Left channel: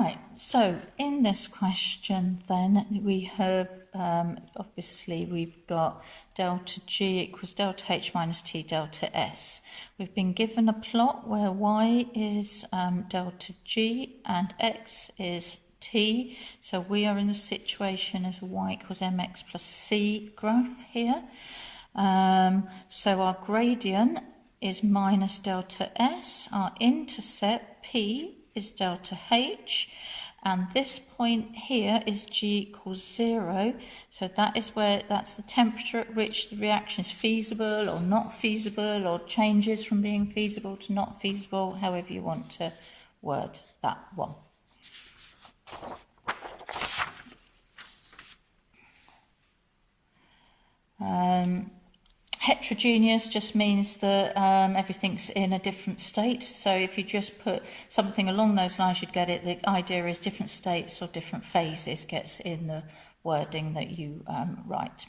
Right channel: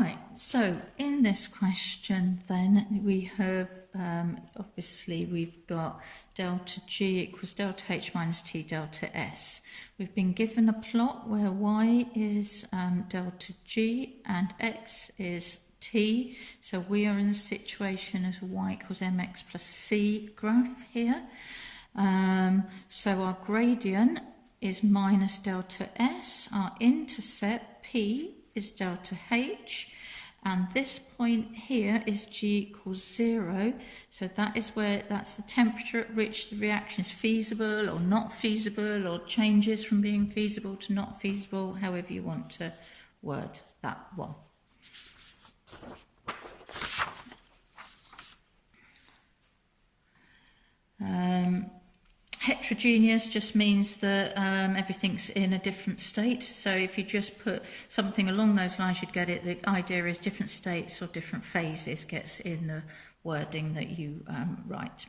Right, so in this question then we have, obviously we've got delta G equals delta H minus T delta S. We've been given a plot where Y is delta G and X is T. So we are in the situation as Y equals mx plus C graph here. So our gradient is minus delta S, our intercept P is delta H, and this point here is G equals 0, so that's the temperature at which the reaction is feasible or not feasible, or changes from being feasible to not feasible, however you want to word that one. Heterogeneous just means that everything's in a different state. So if you just put something along those lines, you'd get it. The idea is different states or different phases gets in the wording that you write.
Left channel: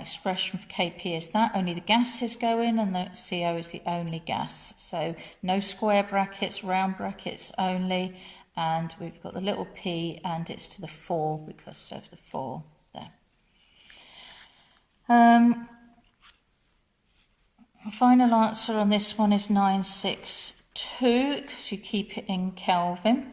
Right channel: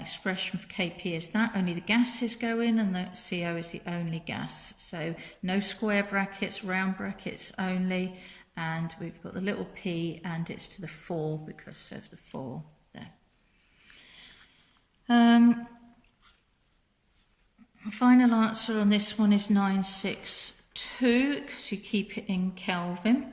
Expression for Kp is that. Only the gases go in, and the CO is the only gas. So no square brackets, round brackets only. And we've got the little p, and it's to the 4 because of the 4 there. The final answer on this one is 962, because you keep it in Kelvin.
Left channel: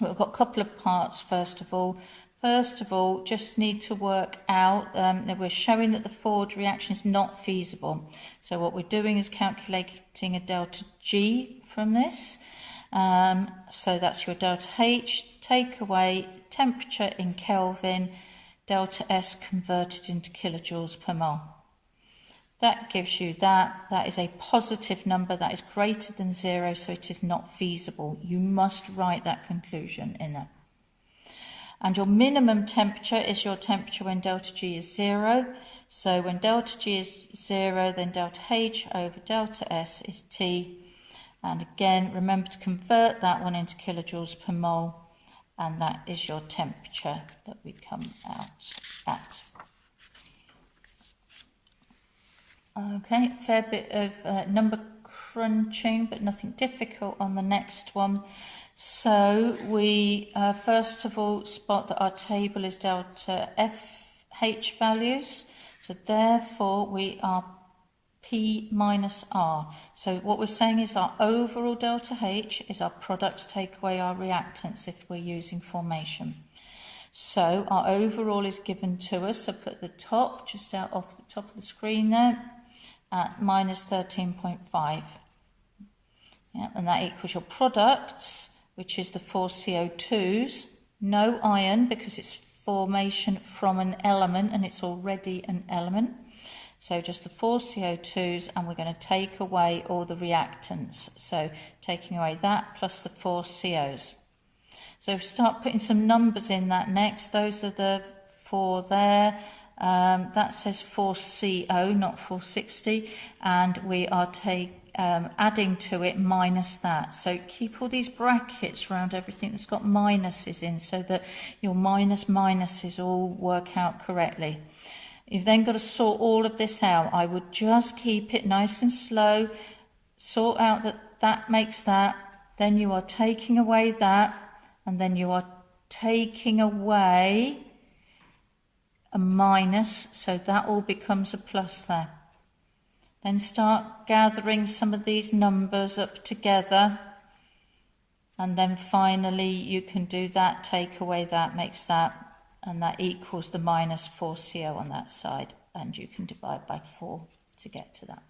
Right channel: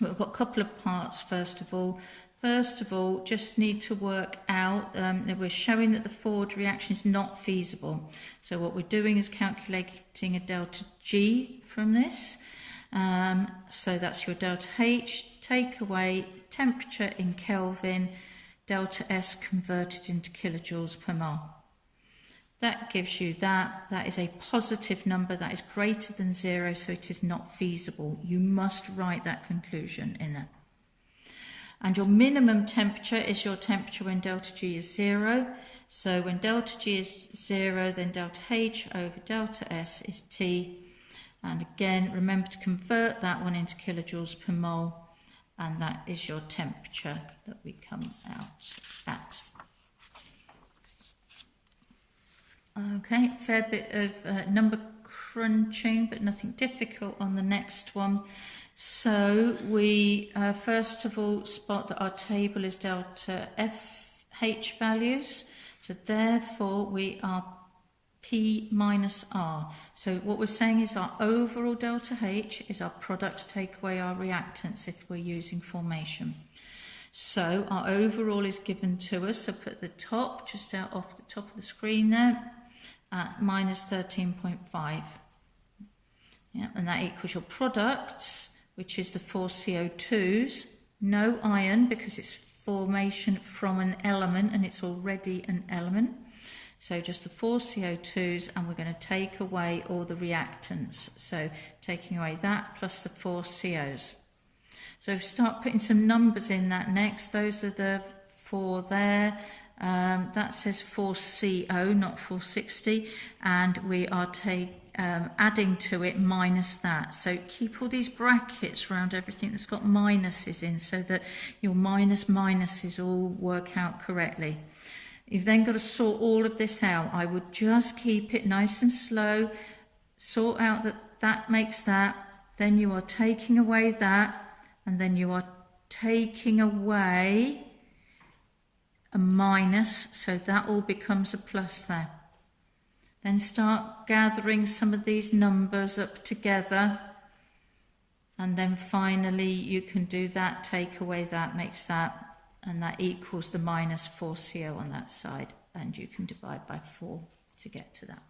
We've got a couple of parts first of all. First of all, just need to work out that we're showing that the forward reaction is not feasible. So what we're doing is calculating a delta G from this. So that's your delta H, take away temperature in Kelvin, delta S converted into kilojoules per mole. That gives you that. That is a positive number. That is greater than 0, so it is not feasible. You must write that conclusion in there. And your minimum temperature is your temperature when delta G is 0. So when delta G is 0, then delta H over delta S is T. And again, remember to convert that one into kilojoules per mole. And that is your temperature that we come out at. Okay, fair bit of number crunching, but nothing difficult on the next one. So we first of all spot that our table is delta FH values. So therefore we are P minus R. So what we're saying is our overall delta H is our product to take away our reactants if we're using formation. So our overall is given to us. So put the top just out off the top of the screen there at minus 13.5. Yeah, and that equals your products, which is the 4 CO2s, no iron because it's formation from an element and it's already an element. So just the 4 CO2s, and we're going to take away all the reactants. So taking away that plus the 4 COs. So if we start putting some numbers in that next, those are the 4 there. That says 4CO, not 460, and we are adding to it minus that. So keep all these brackets around everything that's got minuses in, so that your minuses all work out correctly. You've then got to sort all of this out. I would just keep it nice and slow, sort out that makes that, then you are taking away that, and then you are taking away a minus, so that all becomes a plus there. Then start gathering some of these numbers up together, and then finally you can do that, take away that, makes that, and that equals the minus 4CO on that side, and you can divide by 4 to get to that.